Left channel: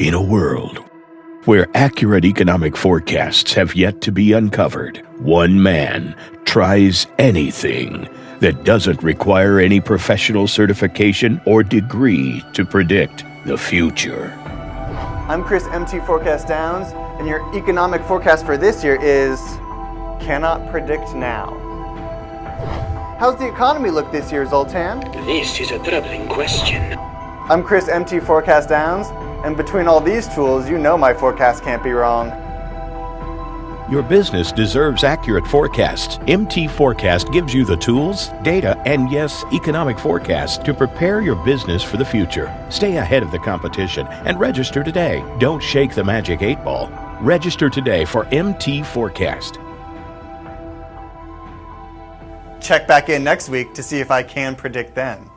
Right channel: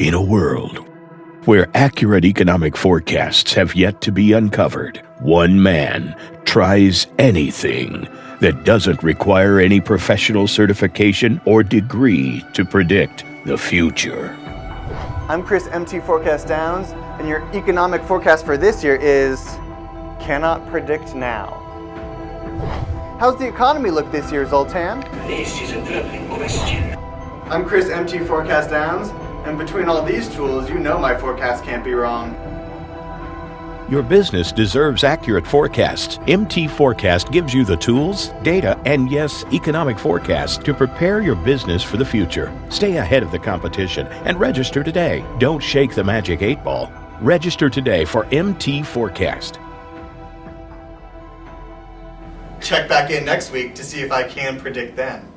In a world where accurate economic forecasts have yet to be uncovered, one man tries anything that doesn't require any professional certification or degree to predict the future. I'm Chris MTForecast Downs, and your economic forecast for this year is cannot predict now. How's the economy look this year, Zoltan? This is a troubling question. I'm Chris MTForecast Downs, and between all these tools, you know my forecast can't be wrong. Your business deserves accurate forecasts. MTForecast gives you the tools, data, and yes, economic forecasts to prepare your business for the future. Stay ahead of the competition and register today. Don't shake the magic 8-ball. Register today for MTForecast. Check back in next week to see if I can predict then.